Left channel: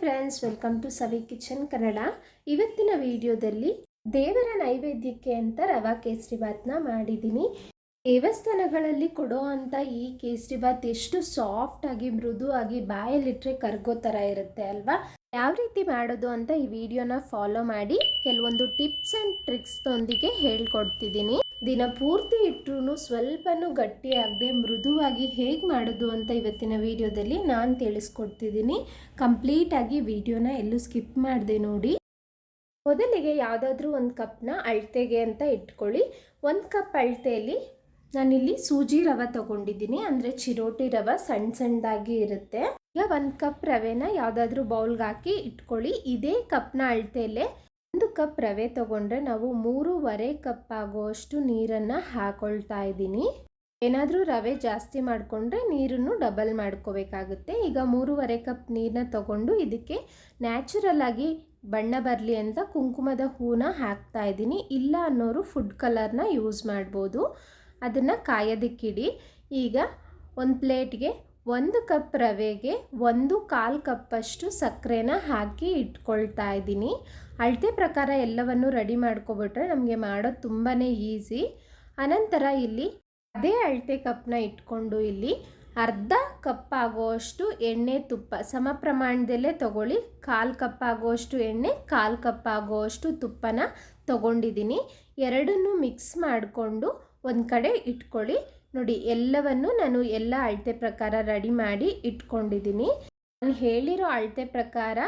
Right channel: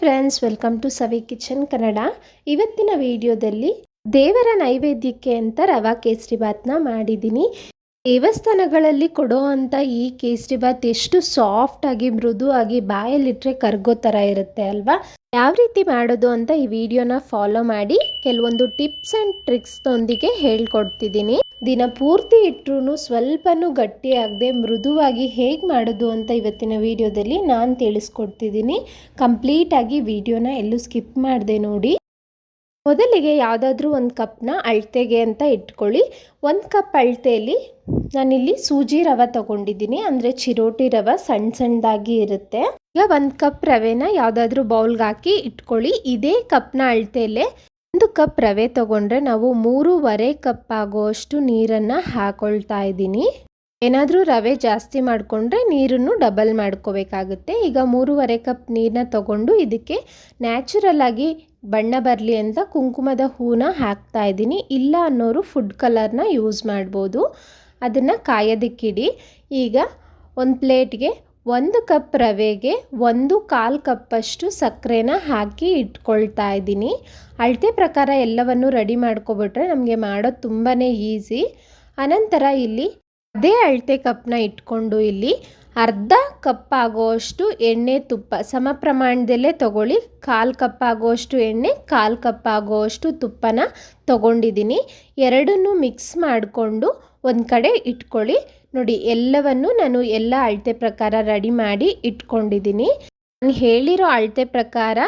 Friends, welcome to Savi kitchen Kannada. ಇವತ್ತಿನ ವಿಡಿಯೋದಲ್ಲಿ ದೇವರ ನೈವೇದ್ಯಕ್ಕೆ ಅಂತ ರವಾ ಕೇಸರಿ ನ ಮಾಡಿದ್ದೀನಿ. ದೇವಸ್ಥಾನಗಳಲ್ಲಿ ಕೊಡೋ ಅಂಥ ಈ ಕೇಸರಿ ಬಾತ್ ಎಷ್ಟು ಸಾಫ್ಟ್ ಆಗಿ ಮೃದು ಆಗಿ ಬಾಯಲ್ಲಿಟ್ಟರೆ ಕರ್ಗೋ ಥರ ಇರುತ್ತೆ ಅಲ್ವಾ? ಯಾವ ರೀತಿ ಮಾಡೋದು ಅಂತ ಈ ವಿಡಿಯೋನ ಫಾಲೋ ಮಾಡಿ ಕೆಲವೊಂದು ಟಿಪ್ಸ್ ಆ್ಯಂಡ್ ಟ್ರಿಕ್ಸ್ದೊಂದಿಗೆ ಹೇಳ್ಕೊಡ್ತಿದ್ದೀನಿ. ದಿನ ಪೂರ್ತಿ ಇಟ್ಟರು ಸ್ವಲ್ಪನೂ ಗಟ್ಟಿಯಾಗದೆ ಮೃದುವಾಗಿ ಹೇಗೆ ಮಾಡೋದು ಅಂತ ಇವತ್ತಿನ ವಿಡಿಯೋದಲ್ಲಿ ನಾನು ತಿಳಿಸ್ಕೊಡ್ತಿದ್ದೀನಿ. ಕಂಪ್ಲೀಟಾಗಿ ವಿಡಿಯೋನ ಎಲ್ಲೂ ಸ್ಕಿಪ್ ಮಾಡಿದೆ ನೋಡಿ. ಮೊದಲಿಗೆ ಯಾವುದಾದ್ರೂ ಒಂದು ಕಪ್ನ ಅಳತೆಗೆ ಅಂತ ಇಟ್ಕೊಳ್ಳಿ. ಒಂದು ಕಪ್ ಅಳತೆಯಲ್ಲಿ ನಾನಿಲ್ಲಿ ಸೂಜಿ ರವೆ ತಗೊಂಡಿದ್ದೀನಿ. ಅಂದರೆ ಚಿರೋಟಿ ರವೆ ಸಣ್ಣ ಸಣ್ಣದಾಗಿ ಇರುತ್ತೆ. ಈಗ ಒಂದು ಕಪ್ ರವೆನ ಯಾವುದಾದ್ರೂ ಬೌಲ್ಗೆ ಹಾಕಿ ಇಟ್ಕೊಳ್ಳಿ. ಇದೇ ಕಪ್ನ ಅಳತೆಯಲ್ಲೇ ಒಂದು ಕಪ್ ರವೆ ತೊಗೊಂಡ್ರೆ ನಾವು ಮೂರುವರೆ ಕಪ್ ಆಗುವಷ್ಟು ನೀರನ್ನು ಹಾಕೊಳ್ತಾ ಇದ್ದೀನಿ. ಏನಾದರೂ ರವೆ ಜಾಸ್ತಿ ಮಾಡಿಕೊಂಡ್ರೆ ನೀರನ್ನು ಡಬಲ್ ಮಾಡ್ಕೋಬೇಕಾಗುತ್ತೆ. ಈಗ ಮೂರುವರೆ ಕಪ್ ನೀರನ್ನ ತಗೊಂಡು ಇದಕ್ಕೆ ನ್ಯಾಚುರಲ್ ಆಗಿ ಬಣ್ಣ ಬರಲಿ ಅಂತ ಕುಂಕುಮದ ಹೂನ ಹಾಕ್ತಾ ಇದ್ದೀನಿ. ಇಲ್ಲ ಅನ್ನೋರು ಫುಡ್ ಕಲರ್ನ ಯೂಸ್ ಮಾಡ್ಬೋದು. ಅದನ್ನು ಕಾಯೋದಕ್ಕಿಡಿ. ಈಗ ಒಂದು ಪ್ಲೇಟ್ಗೆ ಒಂದು ಕಪ್ ರವೆಗೆ ಒಂದು ಕಾಲು ಕಪ್ಪಷ್ಟು ಸಕ್ಕರೆನ ಹಾಕಿ ಇಟ್ಕೊಳ್ತಾ ಇದ್ದೀನಿ. ಅಳತೆ ಪ್ರಕಾರ ಎಲ್ಲವನ್ನು ರೆಡಿ ಮಾಡ್ಕೊಬಿಟ್ರೆ ನಮಗೆ ಮಾಡೋದು ತುಂಬಾ ಈಸಿ. ಅನಂತರ ಇಲ್ಲಿ ಅದೇ ಅಳತೆ ಕಪ್ನ ಇಟ್ಕೊಂಡು ಇಲ್ಲಿ ಅರ್ಧ ಕಪ್ ಆಗುವಷ್ಟು ಎಣ್ಣೆ ತುಪ್ಪ ಸಮ ಪ್ರಮಾಣದಲ್ಲೇ ತಗೊಳ್ಳಿ. ಕಾಲು ಕಪ್ ಆಗುವಷ್ಟು ಎಣ್ಣೆ, ಕಾಲು ಕಪ್ ಆಗುವಷ್ಟು ತುಪ್ಪನ ತಗೊಂಡಿದ್ದೀನಿ. ಎರಡನ್ನೂ ಮಿಕ್ಸ್ ಮಾಡಿಕೊಂಡು ಒಂದು ಕಡೆ ಇಟ್ಕೊಳ್ಳಿ. ನೋಡಿ, ಎಲ್ಲವನ್ನು ನಾನು ಎಲ್ಲ ಅಳತೆ ಪ್ರಕಾರ ರೆಡಿ ಮಾಡಿ ಇಟ್ಕೊಂಡಿದ್ದೀನಿ. ನಾನು ಹೇಳಿರೋ ಅಳತೆ ಪ್ರಕಾರ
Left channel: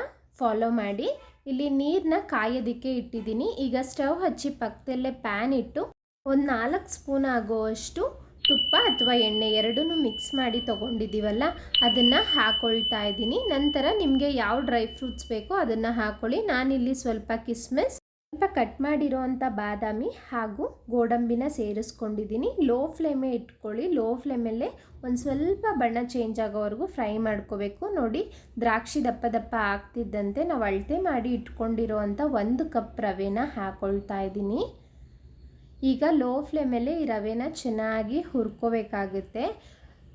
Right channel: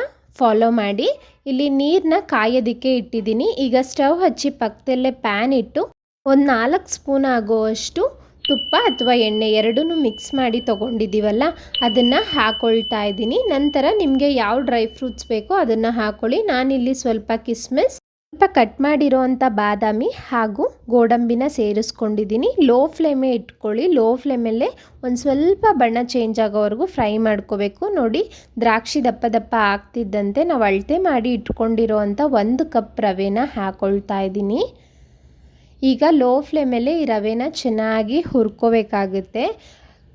ಫಾಲೋ ಮಾಡಿ. ಇಲ್ಲಿ ನೀರನ್ನ ಕಾಯೋದಕ್ಕೆ ಇಟ್ಟಿದ್ದೀನಿ. ಈಗ ಸ್ಟವ್ ಹಚ್ಚಿ ಪಕ್ಕದಲ್ಲೇ ಪ್ಯಾನ್ ಇಟ್ಟು ಒಂದು ನಾಲ್ಕು ಸ್ಪೂನ್ ಆಗುವಷ್ಟು ತುಪ್ಪ ಅಥವಾ ಎಣ್ಣೆ ಎರಡೂ ಮಿಕ್ಸ್ ಮಾಡಿ ತೊಗೊಂಡಿದ್ದೀವಲ್ಲ, ಅದನ್ನು ಹಾಕೊಳ್ತಾ ಇದ್ದೀನಿ. ನಂತರ ನಿಮಗೆ ಯಾವ ಡ್ರೈ ಫ್ರೂಟ್ಸ್ ಬೇಕೋ ಅದನ್ನು ಹಾಕೊಳ್ಳಿ. ನಾನಿಲ್ಲಿ ಸ್ವಲ್ಪ ಕಿಸ್ಮಿಸ್ ಸ್ವಲ್ಪ ಕಟ್ ಮಾಡಿರೋವಂಥ ಬಾದಾಮಿ ಹಾಗೂ ಗೋಡಂಬಿನ ಸೇರಿಸ್ಕೊಂಡಿದ್ದೀನಿ. ಲೋ ಫ್ಲೇಮೇ ಇಟ್ಕೊಳ್ಳಿ. ಲೋ ಫ್ಲೇಮಲ್ಲೇ ಒಂದು ಸ್ವಲ್ಪ ಬಣ್ಣ ಚೇಂಜ್ ಆಗೋವರೆಗೂ ಫ್ರೈ ಮಾಡ್ಕೋಬೇಕು. ನೋಡಿ, ದ್ರಾಕ್ಷಿ ದಪ್ಪ ದಪ್ಪ ಆಗ್ತಿದ್ದಂತೆ ನಾವು ಅಳತೆ ಮಾಡಿ ಇಟ್ಕೊಂಡಿರೋವಂಥ ಒಂದು ಕಪ್ ರವೆನ ಹಾಕೊಳ್ತಾ ಇದ್ದೀನಿ. ಈಗ ಲೋ ಫ್ಲೇಮಲ್ಲೇ ಈ ರವೆನ ಚೆನ್ನಾಗಿ ಹುರ್ಕೋಬೇಕಾಗುತ್ತೆ.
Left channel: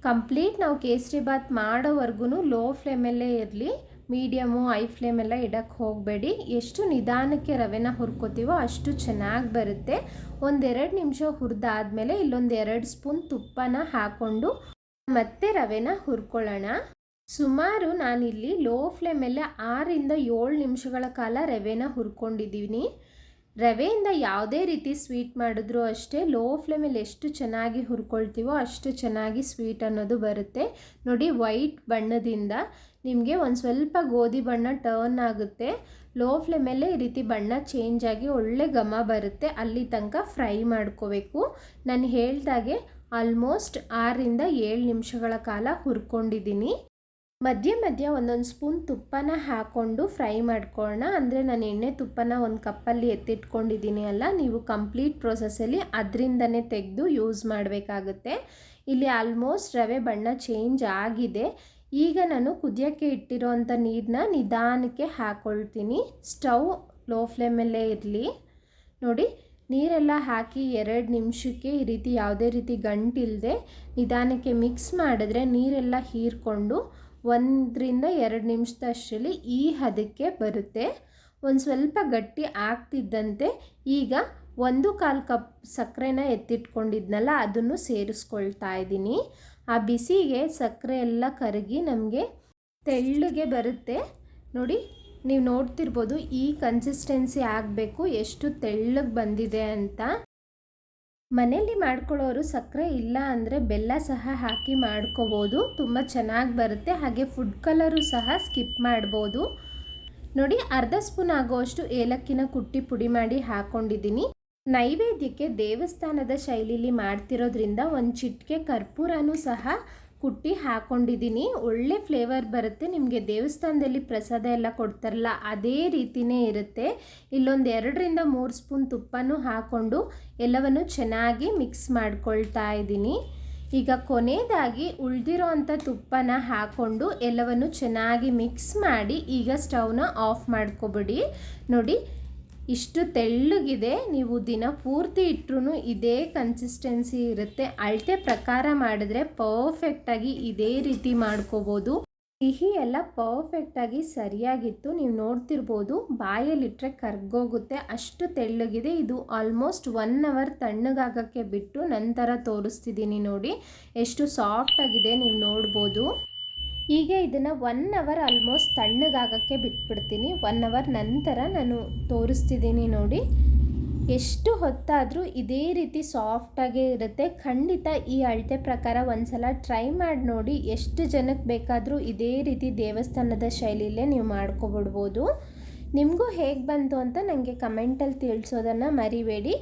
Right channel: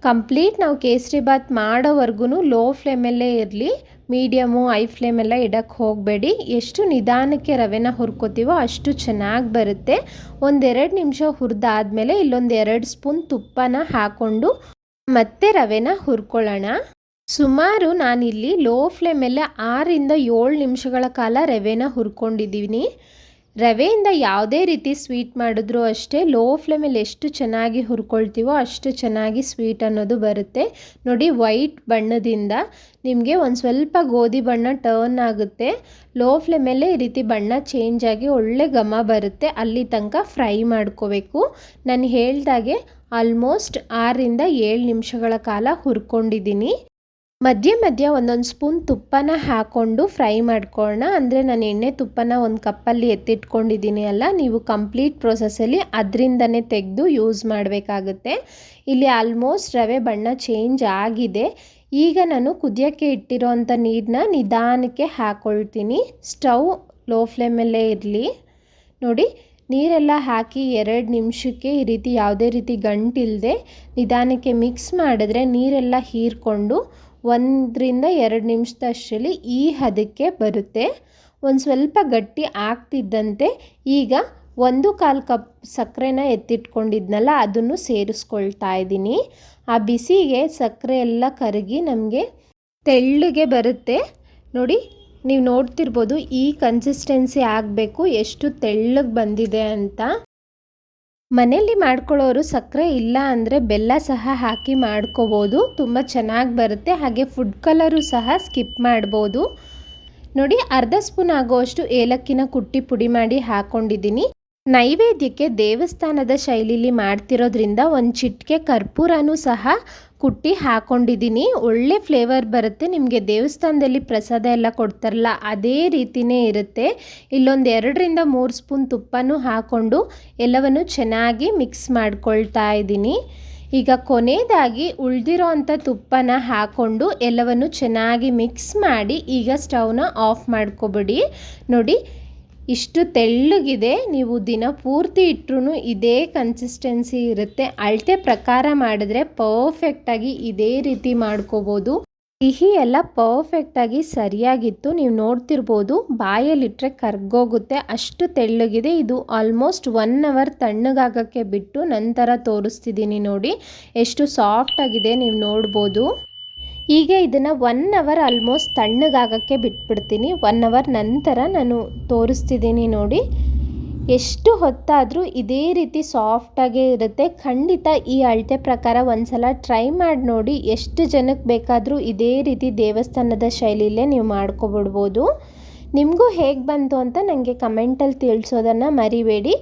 ಕಂಪ್ಲೀಟ್ ನಾವು ಕೇಸರಿ ಬಾತ್ ಮಾಡೋವರೆಗೂ ಲೋ ಫ್ಲೇಮಲ್ಲೇ ಇರಲಿ. ಮೀಡಿಯಮು, ಐ ಫ್ಲೇಮೆಲ್ಲ ಇಡಕ್ಕೆ ಹೋಗಬೇಡಿ. ಎಷ್ಟು ನಿಧಾನಕ್ಕೆ ರವೆನ ಹುರ್ಕೋತೀವೋ ಅಷ್ಟು ಚೆನ್ನಾಗಿ ಬರುತ್ತೆ. ಒಂದೆರಡು ನಿಮಿಷ ಹುರಿದಾದ್ಮೇಲೆ ಇಲ್ಲೊಂದು ಎರಡು ಸ್ಪೂನ್ ತುಪ್ಪನ ಹಾಕ್ಕೊಂಡು ಮತ್ತೆ ರವೆನ ಹುರ್ಕೊಳ್ಳೋಣ. ಸುಮಾರು ನಾನಿಲ್ಲಿ ಲೋ ಫ್ಲೇಮಲ್ಲೇ ಆರಿಂದ ಏಳು ನಿಮಿಷಗಳ ಕಾಲ ರವೆನ ಹುರ್ಕೊಂಡಿದ್ದೀನಿ. ರವೆಯಿಂದ ಯಾವುದೇ ರೀತಿ ಸ್ವೀಟ್ ಮಾಡಿದ್ರೂ ಅಷ್ಟೇ ಲೋ ಫ್ಲೇಮಲ್ಲಿ ಎಷ್ಟು ಚೆನ್ನಾಗಿ ಹುರ್ಕೊಳ್ತೀವೋ ಅಷ್ಟು ಚೆನ್ನಾಗಿ ಸ್ವೀಟ್ ಅನ್ನೋದು ಬರುತ್ತೆ. ನೋಡಿ ವೈಟ್ ಬಣ್ಣದಿಂದ ನಿಮಗೆ ಒಂದು ಸ್ವಲ್ಪ ಗೋಧಿ ಬಣ್ಣ ಟರ್ನ್ ಆಗುತ್ತೆ. ಲೋ ಫ್ಲೇಮಲ್ಲೇ ಈ ರೀತಿ ಬಣ್ಣ ಚೇಂಜ್ ಆಗಿ ಒಳ್ಳೆ ಘಮ ಬರುತ್ತೆ. ಅಲ್ಲಿ ತನಕ ಫ್ರೈ ಮಾಡ್ಕೋಬೇಕು. ನಾನು ಹೇಳ್ದಾಗೆ ಆಲ್ಮೋಸ್ಟ್ ಆರರಿಂದ ಏಳು ನಿಮಿಷಗಳ ಕಾಲ ಹುರ್ಕೊಂಡಿದ್ದೀನಿ. ಮಧ್ಯ ಮಧ್ಯ ಒಂದೊಂದು ಸ್ಪೂನ್ ತುಪ್ಪನ ಹಾಕ್ಕೊಂಡು ಫ್ರೈ ಮಾಡ್ಕೊಳ್ಳೋಣ ಅಂದರೆ ನಾನು ಎಣ್ಣೆ ತುಪ್ಪನ ಒಂದು ಕಪ್ಪಲ್ಲಿ ಎತ್ತಿಟ್ಕೊಂಡಿದ್ದೀನಿ ಅಲ್ಲ, ನೀವು ಕಂಪ್ಲೀಟ್ ಪ್ರೊಸೆಸಲ್ಲಿ ಅದರಿಂದನೇ ತೆಗೆದು ಯೂಸ್ ಮಾಡಬೇಕಾಗುತ್ತೆ. ಇಲ್ಲಿ ಆಲ್ಮೋಸ್ಟ್ ರವೆ ಬಣ್ಣ ಚೇಂಜ್ ಆಗಿದೆ. ಈಗ ನಾನು ಕುದಿಯೋಕ್ಕೆ ಇಟ್ಟಿರೋ ಅಂಥ ನೀರನ್ನ ನಿಧಾನಕ್ಕೆ ಹಾಕ್ಕೊಳ್ತೀನಿ ಸ್ಟವ್ ಲೋ ಫ್ಲೇಮಲ್ಲೇ ಇರಲಿ. ನೋಡಿ, ನೀರೆಲ್ಲ ಹಾಕಿ ಎರಡು ನಿಮಿಷಕ್ಕೆ ಈ ರೀತಿ ಯಾವುದೇ ರೀತಿ ಗಂಟಿಲ್ಲದೆ ನಿಧಾನಕ್ಕೆ ಮಿಕ್ಸ್ ಮಾಡಿದ್ರೆ ನೀರೆಲ್ಲ ಹೀರ್ಕೊಂಡು ಒಂದರಿಂದ ಎರಡು ನಿಮಿಷದಷ್ಟರಲ್ಲಿ ಈ ಹದಕ್ಕೆ ಬರುತ್ತೆ. ಒಂದು ಸ್ವಲ್ಪ ಗಟ್ಟಿ ಆಗ್ತಿದ್ದಂತೆ ಈಗ ಒಂದು ಕಾಲು ಕಪ್ ಸಕ್ಕರೆನ ಎತ್ತಿಟ್ಕೊಂಡಿದ್ನಲ್ಲ, ಅದನ್ನು ಸೇರಿಸ್ಕೊಳ್ತಾ ಇದ್ದೀನಿ. ಆ ಬಿಸಿಗೆ ಸಕ್ಕರೆ ಎಲ್ಲ ಕರಗಿ ನಮಗೆ ತೆಳ್ಳಗೆ ಬರುತ್ತೆ. ನೋಡಿ, ನೀವು ನೋಡ್ತಿರ್ಬೋದು ಈ ಕನ್ಸಿಸ್ಟೆನ್ಸಿ ಆಗಬೇಕು, ಎಷ್ಟು ತೆಳ್ಳಗೆ ಬಂದಿದೆ ಅಂತ. ಮನೆಯಲ್ಲಿ ಮಾಡ್ಕೊಳ್ಳೋರು ಸಕ್ಕರೆ ಇಲ್ಲ ಅಂದರೆ ಬೆಲ್ಲ ಸಹ ಹಾಕಿ ಮಾಡ್ಕೋಬೋದು. ತುಂಬ ಚೆನ್ನಾಗಿ ಬರುತ್ತೆ. ಹಾಗೆ ಫುಡ್ ಕಲರು ಸಹ ಸ್ಕಿಪ್ ಮಾಡ್ಬೋದು. ನೋಡಿ, ಅರ್ಧ ಸ್ಪೂನ್ ಆಗುವಷ್ಟು ಏಲಕ್ಕಿನ ಕುಟ್ಟಿ ಪುಡಿ ಮಾಡಿ ಹಾಕ್ಕೊಂಡಿದ್ದೀನಿ ನೈವೇದ್ಯಕ್ಕೆ ದೇವಸ್ಥಾನದ ಶೈಲಿಲಿ ಮಾಡ್ತಿರೋದ್ರಿಂದ ಒಂದು ಚಿಟಿಕೆ ಕರ್ಪೂರನೂ ಸಹ ಕುಟ್ಟಿ ಹಾಕ್ಕೊಂಡಿದ್ದೀನಿ ಒಳ್ಳೆ ಫ್ಲೇವರ್ ಬರುತ್ತೆ. ನಿಮಗೆ ದೇವಸ್ಥಾನದಲ್ಲಿ ಪ್ರಸಾದ ಎಲ್ಲ ಕೊಡ್ತಾರಲ್ಲ, ಅದೇ ರೀತಿಯೇ ಇರುತ್ತೆ. ಇಲ್ಲೊಂದು ಎರಡರಿಂದ ಮೂರು ಸ್ಪೂನ್ ತುಪ್ಪನೂ ಹಾಕ್ಕೊಂಡು ಎಲ್ಲವನ್ನು ಚೆನ್ನಾಗಿ ಮಿಕ್ಸ್ ಮಾಡ್ಕೊಳ್ತಾ ಇದ್ದೀನಿ. ಈಗ ಕೊನೆಯದಾಗಿ ಉಳಿದಿರೋ ಅಂಥ ತುಪ್ಪನ ಹಾಕ್ಕೊಂಡು ಎಲ್ಲವನ್ನು ಚೆನ್ನಾಗಿ ಮಿಕ್ಸ್ ಮಾಡಿ ಈಗ ಸ್ಟವ್ನ ಆಫ್ ಮಾಡ್ಕೊಬಿಡಿ. ನೋಡಿ ಇಷ್ಟು ತೆಳ್ಳಗಿದೆ, ನೀವು ದಿನ ಪೂರ್ತಿ ಇಟ್ಟರೂ ಇದೇ ಕನ್ಸಿಸ್ಟೆನ್ಸಿ ಇರುತ್ತೆ. ಅಳತೆ ಪ್ರಕಾರ ಮಾಡಿದ್ರೆ ಪರ್ಫೆಕ್ಟಾಗಿ ಇದೇ ರೀತಿ ಮಾಡ್ಕೋಬೋದು. ಸಿಹಿ ಎಲ್ಲ ಪರ್ಫೆಕ್ಟಾಗಿ ಸರಿಯಾಗಿತ್ತು. ನೀವು ನೋಡ್ತಿರ್ಬೋದು ಬಾಯಲ್ಲಿಟ್ಟರೆ ಕರ್ಗೋಗುತ್ತೆ. ಅಷ್ಟು ತೆಳ್ಳಗಿದೆ. ಇದು ಆಲ್ಮೋಸ್ಟ್ ಒನ್ ಅವರ್ ತಣ್ಣಗಾಗಕ್ಕೆ ಬಿಟ್ಟು ನಂತರ ತೋರಿಸ್ತಿದ್ದೀನಿ ನೋಡಿ. ಎಷ್ಟು ಸಾಫ್ಟಾಗಿದೆ ನೀವು ನೋಡ್ಬೋದು. ಈಗ ಇದನ್ನು ಒನ್ ಅವರ್ ಆಲ್ಮೋಸ್ಟ್ ತಣ್ಣಗಾಗೋಕ್ಕೆ ಬಿಟ್ಬಿಡ್ತೀನಿ. ಒನ್ ಅವರ್ ನಂತರ ನಾನು ತೋರಿಸ್ತಿದ್ದೀನಿ ನೋಡಿ. ಎಷ್ಟು ಹೊತ್ತಾದರೂ ಇದೇ ರೀತಿ ಸಾಫ್ಟಾಗೇ ಇರುತ್ತೆ. ಖಂಡಿತ ಈ ಅಳತೆ ಪ್ರಕಾರ ಒಂದ್ಸಲ ಟ್ರೈ ಮಾಡಿ ನೋಡಿ. ಎಷ್ಟು ಜನಕ್ಕೆ ಬೇಕಾದರೂ ಇದೇ ರೀತಿ ದೇವಸ್ಥಾನದ ಶೈಲಿಯಲ್ಲೇ ನೀವು ಮಾಡ್ಕೊಬಿಡ್ಬೋದು. ನಿಮಗೂ ಹೇಗೆ ಬಂತು ಅಂತ ನನಗೆ ಕಮೆಂಟಲ್ಲಿ ತಿಳಿಸೋದನ್ನು ಮರಿಬೇಡಿ.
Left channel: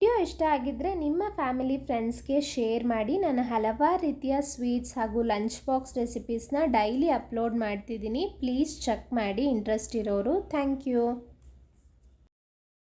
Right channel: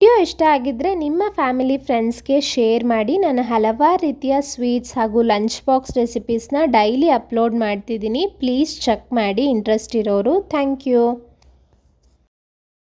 ವಿಡಿಯೋ ಇಷ್ಟ ಆಗಿದ್ದರೆ ನಿಮ್ಮ ಫ್ಯಾಮಿಲಿ ಫ್ರೆಂಡ್ಸ್ಗೆ ಶೇರ್ ಮಾಡಿ. ನಾನು ಹಲವಾರು ರೀತಿಯ ಸ್ವೀಟ್ಸ್ ಹಾಗೂ ಲಂಚ್ ಬಾಕ್ಸ್ ರೆಸಿಪೀಸ್ನ ಡೈಲಿ ಅಪ್ಲೋಡ್ ಮಾಡ್ತಿದ್ದೀನಿ. ಪ್ಲೀಸ್ ಚೆಕ್ ಮಾಡಿ ಇಂಟ್ರೆಸ್ಟ್ ಇರೋರು. Thank you.